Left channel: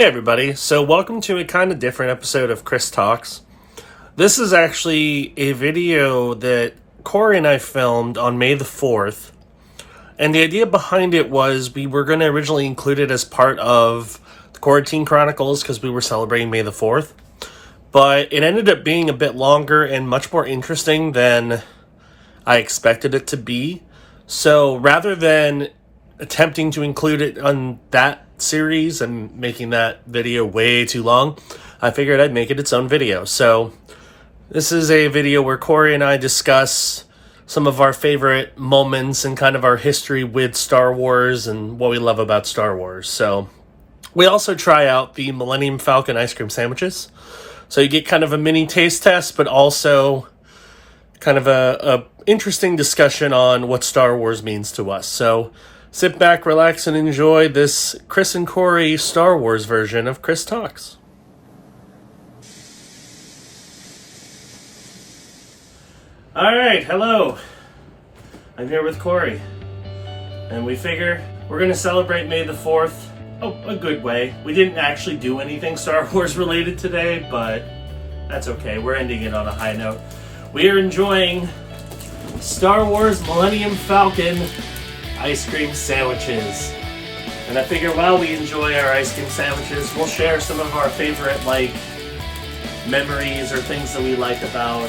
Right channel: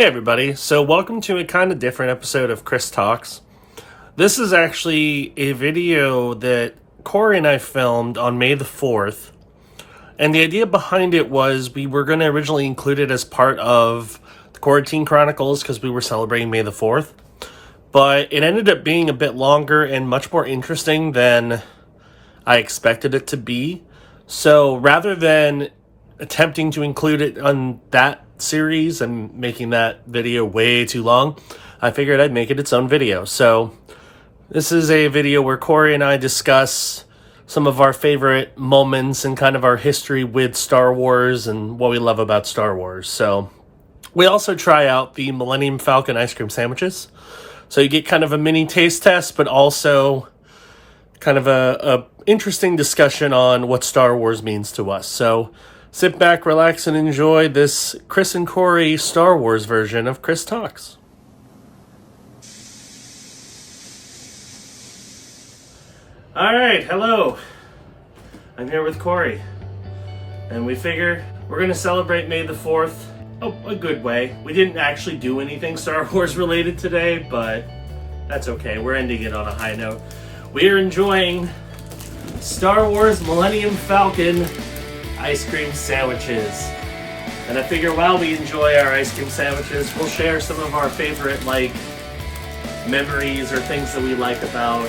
Hey everybody, so welcome to a kind of different episode of Chris Talks. This is actually a video that Cory and I filmed on May the 4th. And the idea behind it was we were going to originally include it as part of the Quarantine Chronicles because we were celebrating May the 4th. But it ended up being a bit longer and much more interesting than I expected it to be. So rather than attempting to include it on that series and making that video way too long, I figured I'd make it its own video. So this is a video where Cory and I discuss some of our favorite moments and kind of our history with Star Wars and what we love about Star Wars. So we also try out the Millennium Falcon ice cream sandwiches. So you get kind of a mini taste test, but also kind of a interesting discussion on what Star Wars means to us. So sit back, relax, and enjoy this Chris and Cory Star Wars version of Chris Talks. All right, hello. I'm here with Cory, and we figure we're going to celebrate May the 4th a good way. We didn't actually do anything Star Wars related today, but that's okay. We're ending it on a high note. We are enjoying Star Wars Millennium Falcon ice cream sandwiches. And I figure while we enjoy our ice cream sandwiches, we'll share some of our favorite memories or things that we like about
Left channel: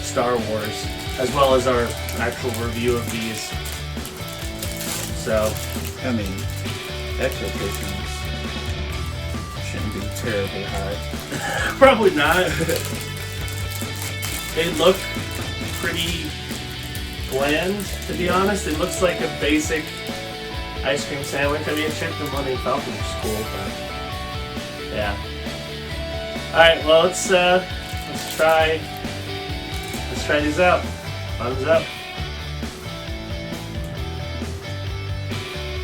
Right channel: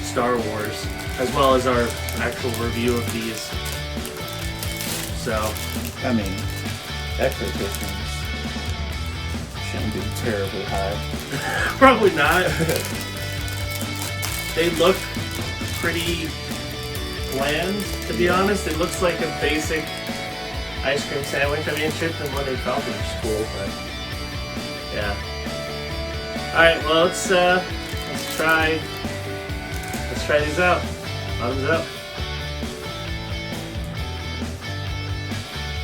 Star Wars, as well as our actual review of these. So, I mean, expectations shouldn't be terribly high. Probably not. They look pretty bland, to be honest. It looks like a basic ice cream sandwich. I mean, chipped and Millennium Falcon is cool, but yeah. All right, well let's try these out. Thumbs up.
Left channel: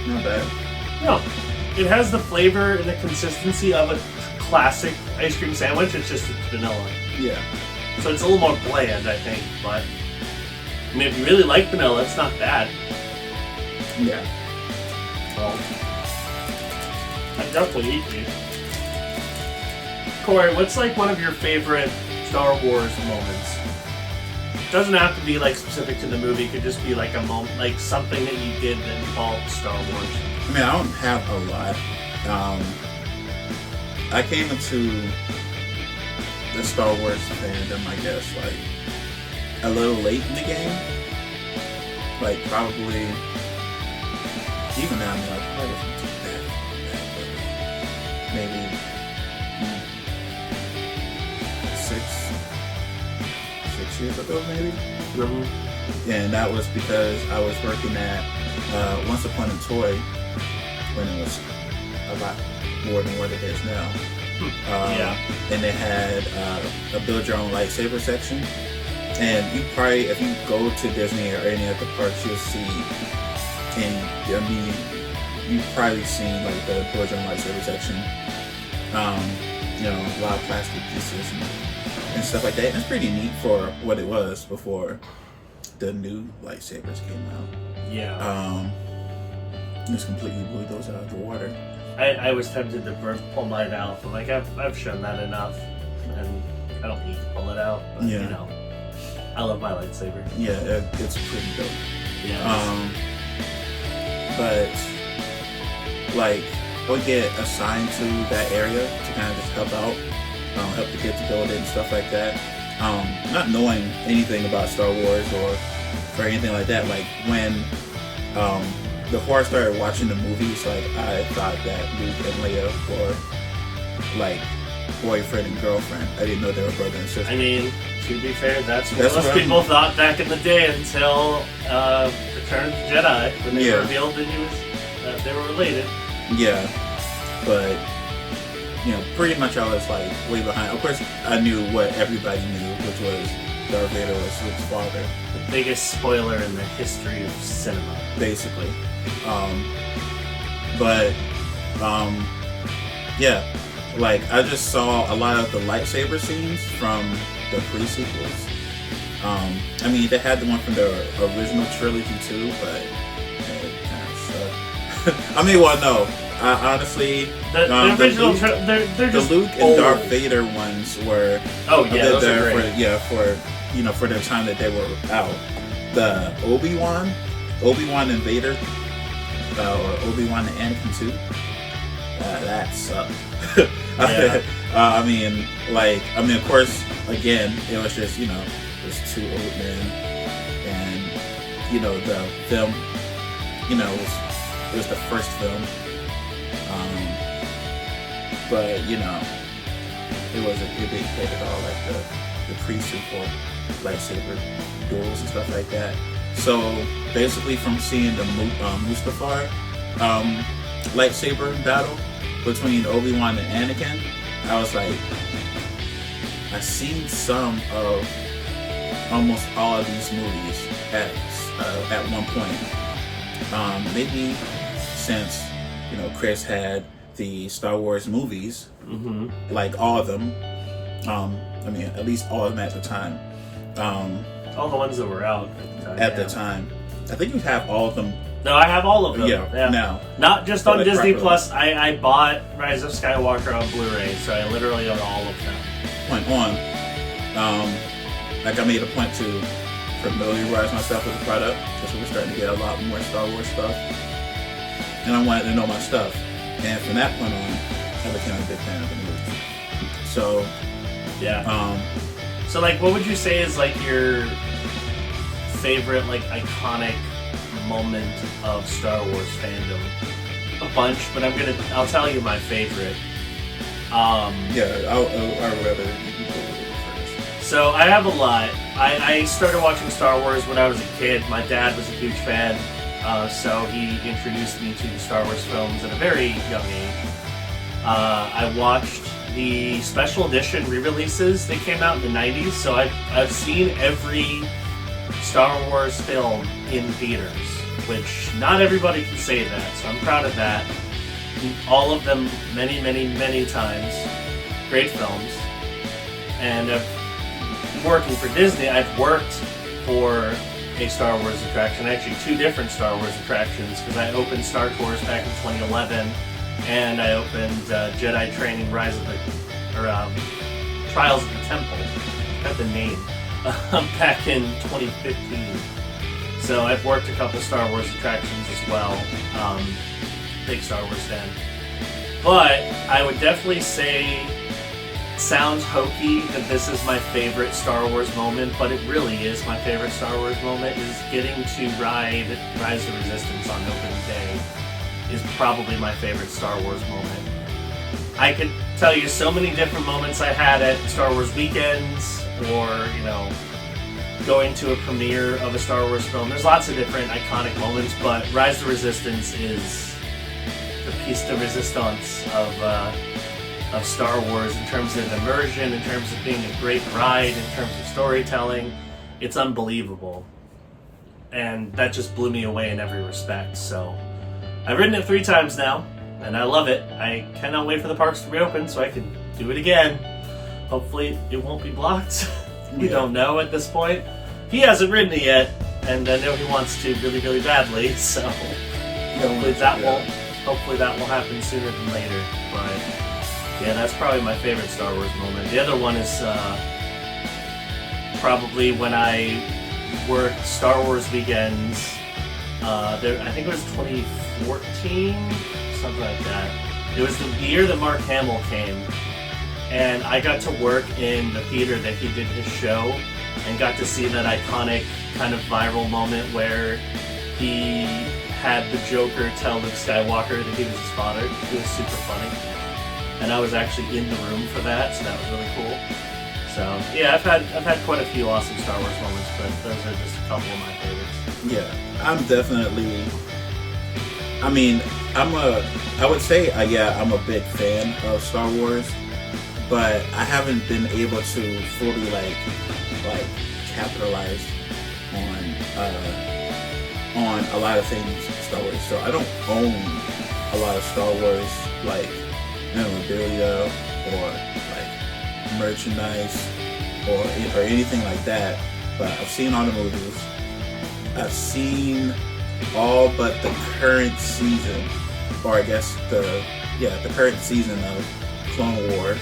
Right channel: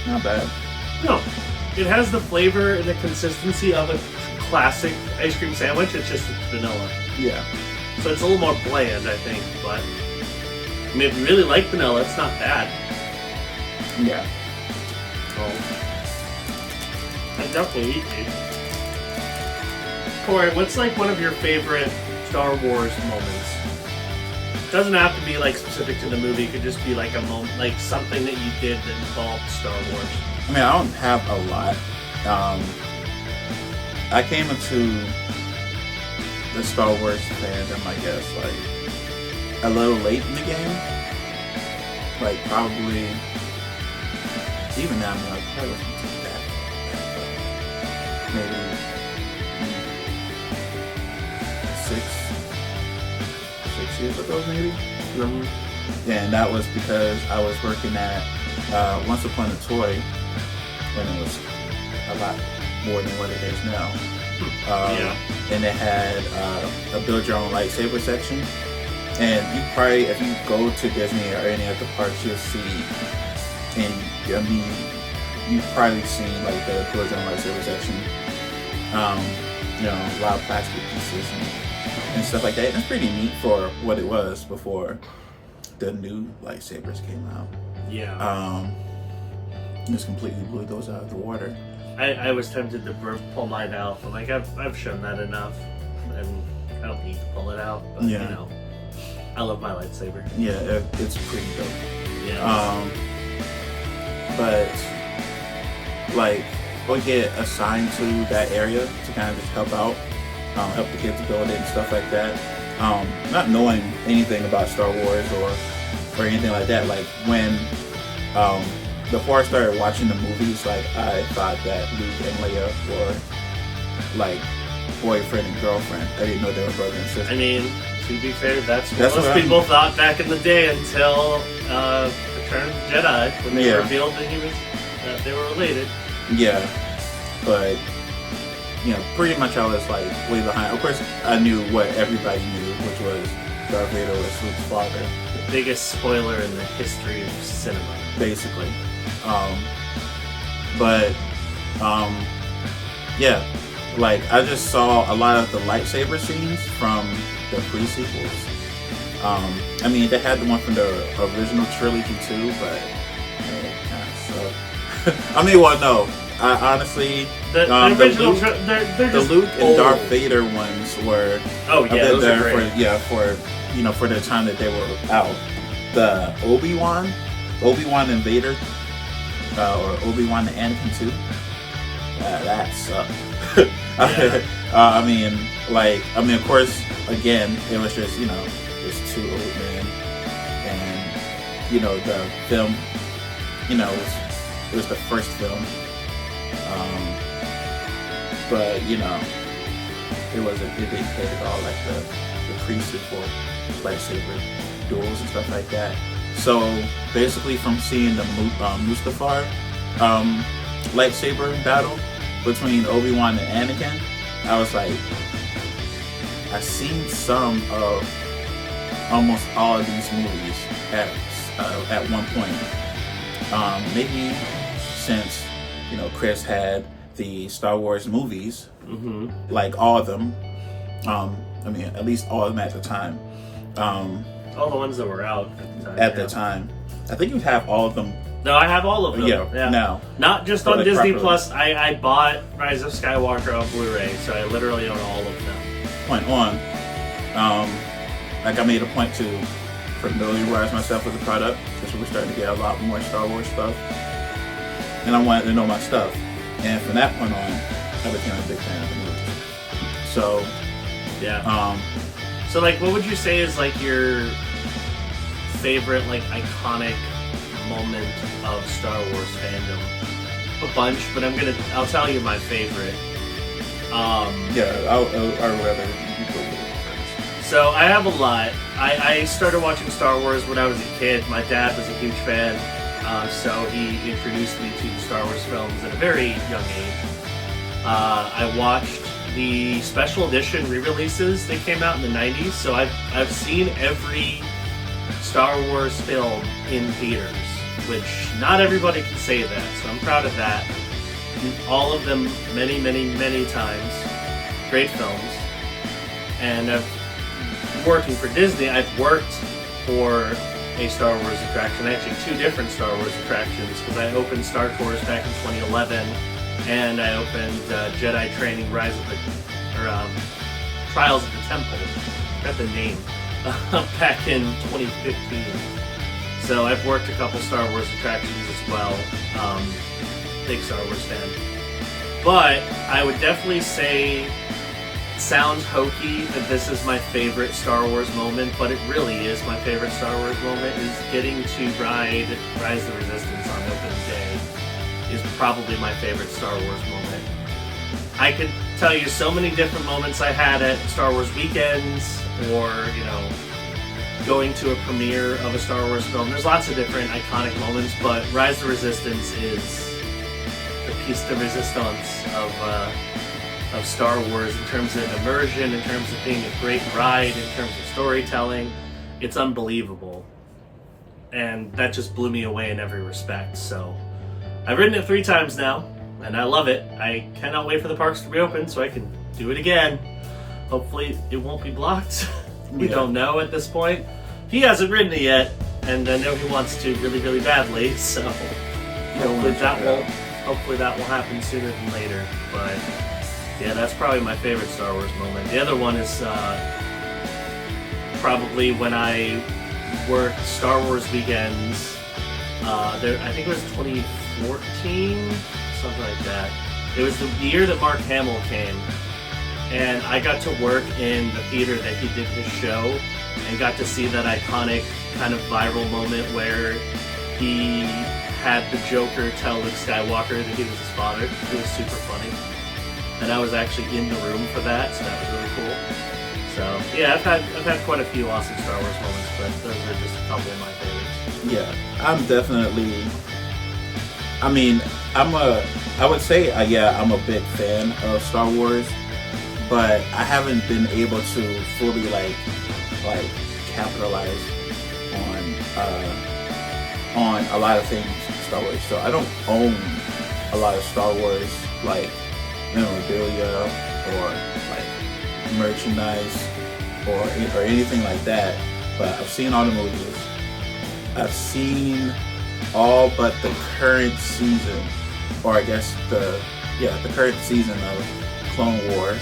Not bad. No, it has the flavor and the consistency of a classic ice cream sandwich. It's just vanilla. Yeah. So it's a little more bland, I think, but I mean, if you really like vanilla, it's not bad. Yeah. Well, I'd definitely eat these. Cory, what's one of your favorite Star Wars moments? It doesn't have to be specific to the movie. It could just be a moment, something that you did that involved Star Wars. I mean, I don't have a lot. I came into the Star Wars fandom, I guess, a little late in the game. Probably, even now, probably maybe 6 years ago, maybe. Mm-hmm. And that was because I was working at Once Upon a Toy when it was a lot more than what it is now. Yeah. And they had a build your own lightsaber section. And you probably, if you go to Disney or any of the parks, you'll see, you've probably seen the build your own lightsaber section. A lot of plastic pieces and stuff like that. And it's pretty neat for what it was before the new lightsabers came out. Yeah. Just completely blew those out of the water. I was tempted to pull mine out, but I've shown that enough, and I don't need to pull it out. But Yeah. I love my lightsaber. Yeah, it's pretty dope. Yeah. But we'll get assigned to that area to kind of just help out, help the kids build it and stuff like that. Not knowing anything about Star Wars or anything like that. When before I started watching the movies, I thought that Luke and Leia were boyfriend and girlfriend. I didn't know they were brother and sister. I mean, to be fair, that's what most people thought back in the day until Return of the Jedi, when they revealed that they were related. Yeah, but pretty much I was way behind. Of course, I knew what everybody knew, which was Darth Vader was Luke's father. The biggest spoiler in the history of cinema, basically. Yeah, I just saw a lot of the lightsaber scenes from the pre-sequels. I mean, they had the one from the original trilogy too, but it kind of sucked. I mean, well, no, honestly, the original, they're the just Luke and old. Darth Vader ones were Oh yeah, those are great. For the time that they were out. The Obi-Wan and Vader, or Obi-Wan and Anakin too. That sucked. Yeah. Of course, again, it was just it's two old men, and the film, it was the first film, but it didn't hit at all like the pre-sequel lightsaber duels and stuff like that. So basically, from seeing the Mustafar lightsaber battle between Obi-Wan and Anakin, I was like, I've seen some of almost all of these movies at one point. Maybe since Chris had the Star Wars movies, like all of them. At least all of them at the time. All the ones that were out at the time. I think you have all of them. No, I have all of them. Yeah. No. Not just on Disney Plus. I bought Rise of Skywalker on Blu-ray, so I literally own all of them. Point on. I made a point to familiarize myself with the product, because we're starting to get a lot more Star Wars stuff, and I wanted to know my stuff. And from that point on, I became a big fan of the movie. So, yeah. So, what would you say is your favorite, iconic moment of Star Wars fandom? A bunch, but I'll tell you my favorite. I'd rather you go with it first. So I have a lot. I started watching Star Wars when I was a kid. My dad was a huge fan, so he introduced me to Star Wars films at a very young age. I watched the special edition re-releases that came out in the 90s, so I've seen every Star Wars film in theaters, which not everybody can say that, so I'm proud of that. All of them many, many, many times. Great films. And working for Disney, I've worked for a Star Wars attraction, actually two different Star Wars attractions, because I opened Star Tours back in 2011, and I opened Jedi Training Trials of the Temple, got the name, back in 2015. So I've worked a couple Star Wars attractions as well. Big Star Wars fan. But I would definitely say, sounds hokey that this is my favorite Star Wars moment, but it really is my favorite Star Wars moment, is getting to ride Rise of the Resistance on opening day is probably my favorite Star Wars moment. I could tell you so many different moments I had at Star Wars weekends, or, going to a premiere of a Star Wars film. There's lots of different iconic moments, but Rise of the Resistance is the piece de resistance of Star Wars in terms of immersion, in terms of being a great ride, in terms of storytelling. It's unbelievable. And that just blew me away in every respect. So I've ridden it 3 times now, and I love it. I cannot wait for the parks to reopen so I can do it again. Hopefully it won't be blocked. We don't know at this point. He hasn't ridden it yet, and I know he wants to really, really badly, so hopefully that will happen sooner than later. But yeah, that's probably my favorite Star Wars moment. The other one is probably when I worked Star Wars weekends. I think it was 2014, something like that. It was the year that Mark Hamill came, and I got to work in the theater that he did his show, and got to see that iconic kind of viral moment where he had the Joker tell Luke Skywalker that he was his father. It was super funny. And I was actually in the room for that, so that was really cool. So yeah, I've had quite a few awesome Star Wars moments, but those are just a couple of my favorites. Yeah, I'm definitely. I would say, I'm a big fan of Star Wars, but I haven't been able to fully capitalize on a lot of things Star Wars. So I don't own a lot of Star Wars memorabilia or merchandise or anything like that. But I've seen all the movies. I've seen all but the current season or I guess the current season of Clone Wars.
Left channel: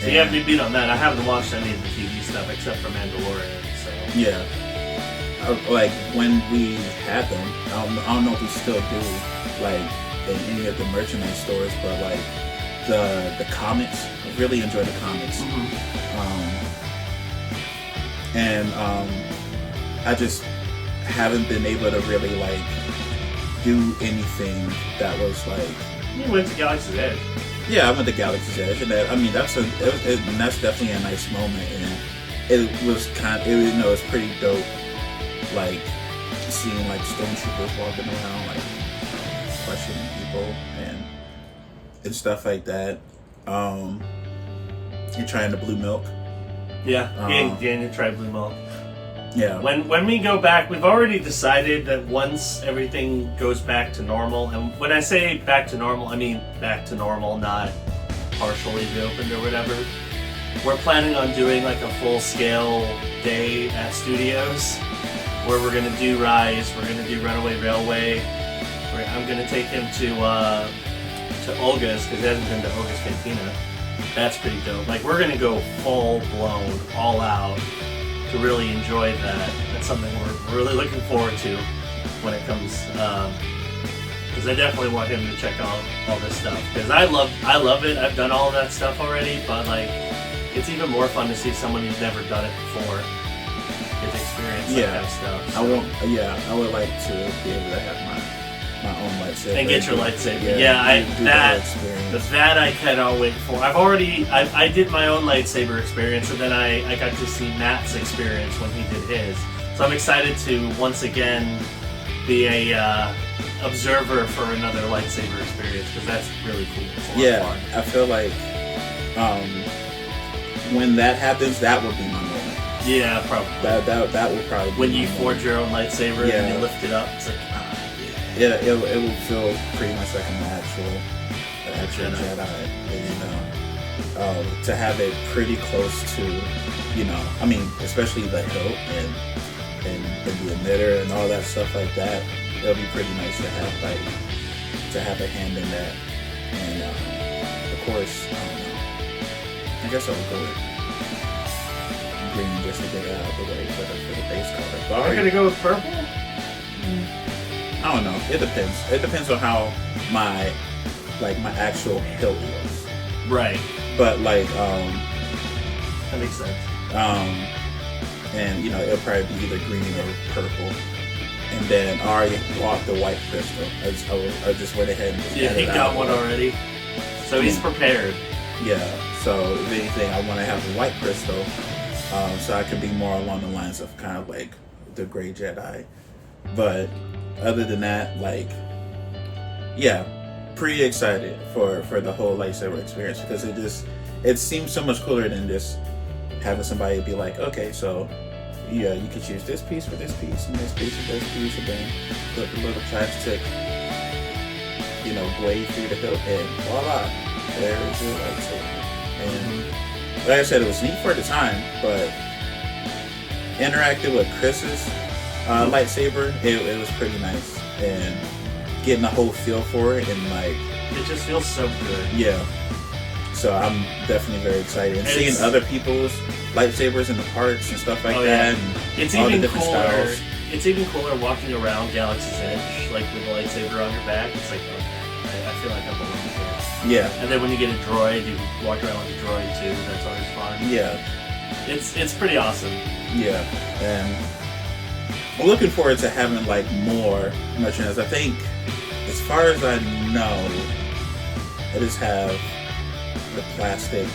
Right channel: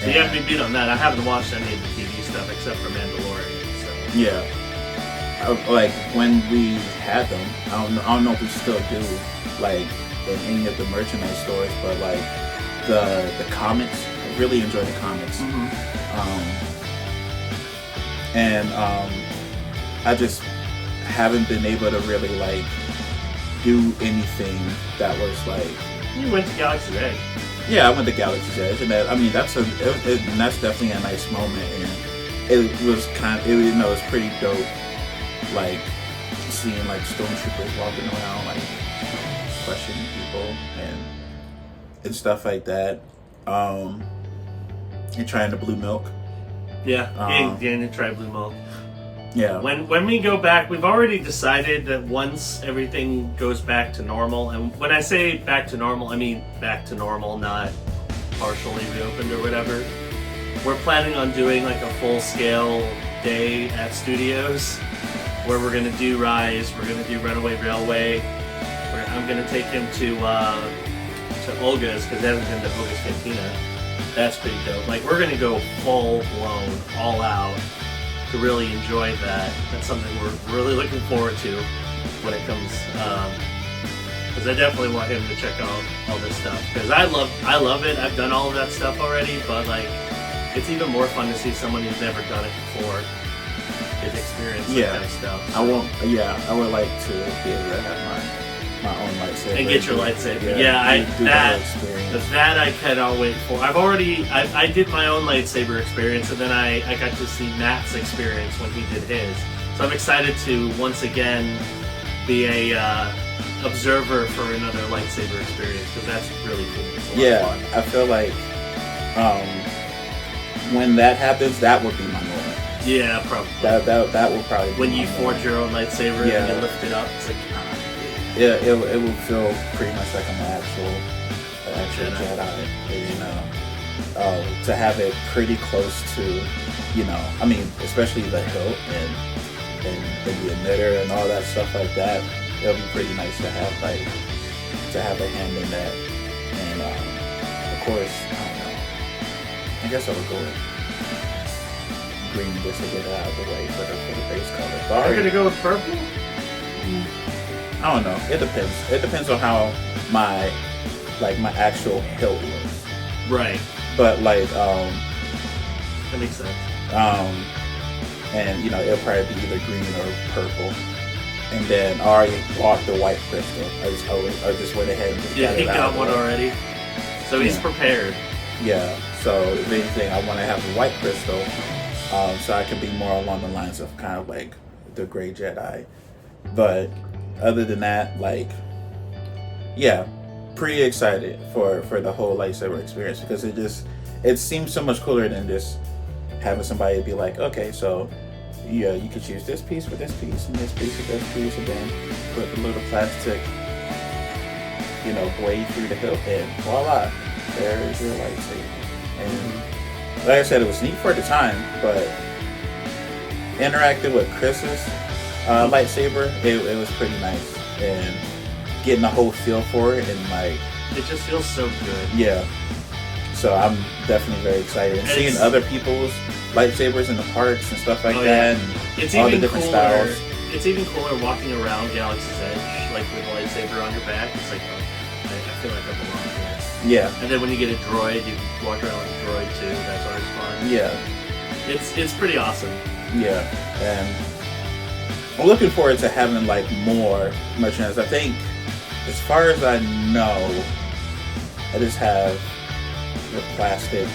So you have me beat on that. I haven't watched any of the TV stuff except for Mandalorian. So yeah, like when we had them, I don't know if we still do, like in any of the merchandise stores, but like the comics, I really enjoy the comics. And I just haven't been able to really like do anything that was like. You went to Galaxy's Edge. Yeah, I went to Galaxy's Edge, and that, I mean that's that's definitely a nice moment, and it was it was pretty dope, like seeing like stormtroopers walking around like questioning people and stuff like that, and trying the blue milk. Yeah, you try blue milk. Yeah. When we go back, we've already decided that once everything goes back to normal, and when I say back to normal, I mean back to normal, not partially reopened or whatever. We're planning on doing like a full-scale day at studios where we're gonna do Rise, we're gonna do Runaway Railway. I'm gonna take him to Olga's because he hasn't been to Olga's Cantina. That's pretty dope. Like we're gonna go full blown, all out, to really enjoy that. That's something we're really looking forward to when it comes, because I definitely want him to check out all this stuff, because I love it. I've done all of that stuff already, but like it's even more fun to see someone who's never done it before get experience that kind of stuff. So. I would like to be able to have my own lightsaber and get your lightsaber. That I cannot wait for. I did my own lightsaber experience, and then I got to see Matt's experience when he did his. So I'm excited to once again be a observer for another lightsaber experience, because that's really cool. Yeah, I feel like when that happens, that would be my moment. Yeah, probably. That will probably be when you forge your own lightsaber and you lift it up. It's like yeah, it will feel pretty much like an actual Jedi. You know, to have it pretty close to, you know, I mean, especially the hilt and the emitter and all that stuff like that. It'll be pretty nice to have a hand in that. And of course, I guess I would go with green just to get it out of the way for the base color. I'm gonna go with purple. I don't know. It depends. It depends on how my actual hilt looks. Right. But like that makes sense. And you know, it'll probably be either green or purple. And then I already bought the white crystal. I just went ahead and just he got one already. So he's prepared. Yeah. So if anything, I want to have a white crystal, so I can be more along the lines of kind of like the Gray Jedi. But other than that, like, yeah, pretty excited for the whole lightsaber experience, because it seems so much cooler than just having somebody be like, okay, so yeah, you can choose this piece for this piece and this piece for this piece, and then put the little plastic, you know, blade through the hilt, and voila, there's your lightsaber. And like I said, it was neat for the time, but interacting with Chris's lightsaber, it was pretty nice, and getting the whole feel for it, and like it just feels so good. Yeah. So I'm definitely very excited, and seeing other people's lightsabers in the parks and stuff like that, and it's all even the different cooler. styles. It's even cooler walking around Galaxy's Edge, like with a lightsaber on your back. It's like, oh, I feel like I belong here. Yeah. And then when you get a droid, you can walk around with a droid too. That's always fun. Yeah. It's pretty awesome. Yeah, and I'm looking forward to having like more merchandise. I think, as far as I know, I just have the plastic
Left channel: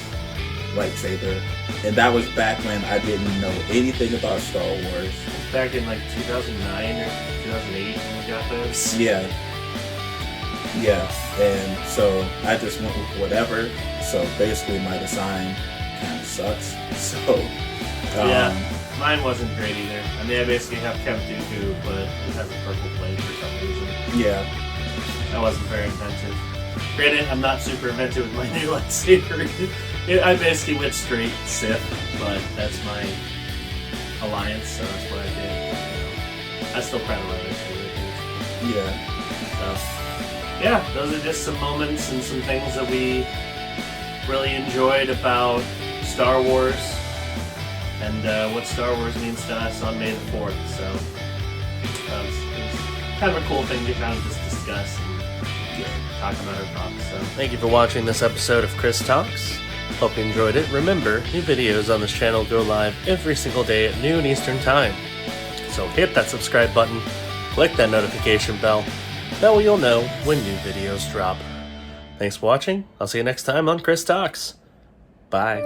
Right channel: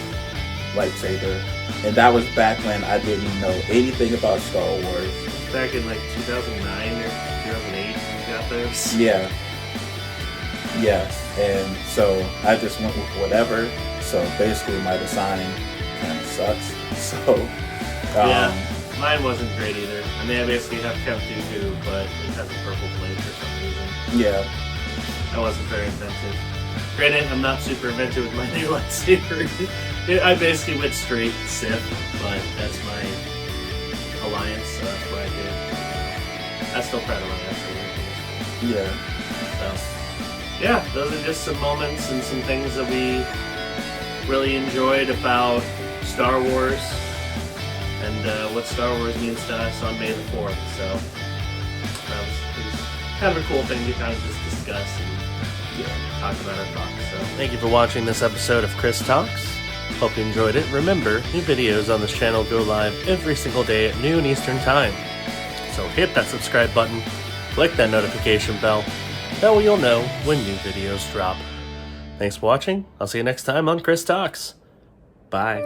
lightsaber, and that was back when I didn't know anything about Star Wars. Back in like 2009 or 2008 when we got those. Yeah, and so I just went with whatever. So basically, my design kind of sucks. So yeah, mine wasn't great either. I mean, I basically have Count Dooku, but it has a purple blade for some reason. Yeah, that wasn't very inventive. Granted, I'm not super inventive with my new lightsaber. I basically went straight Sith, but that's my alliance, so that's what I did. I still try to run that. Yeah. So, yeah, those are just some moments and some things that we really enjoyed about Star Wars and what Star Wars means to us on May the 4th. So it's kind of a cool thing to kind of just discuss and talk about our thoughts. So thank you for watching this episode of Chris Talks. Hope you enjoyed it. Remember, new videos on this channel go live every single day at noon Eastern Time. So hit that subscribe button, click that notification bell. That way you'll know when new videos drop. Thanks for watching. I'll see you next time on Chris Talks. Bye.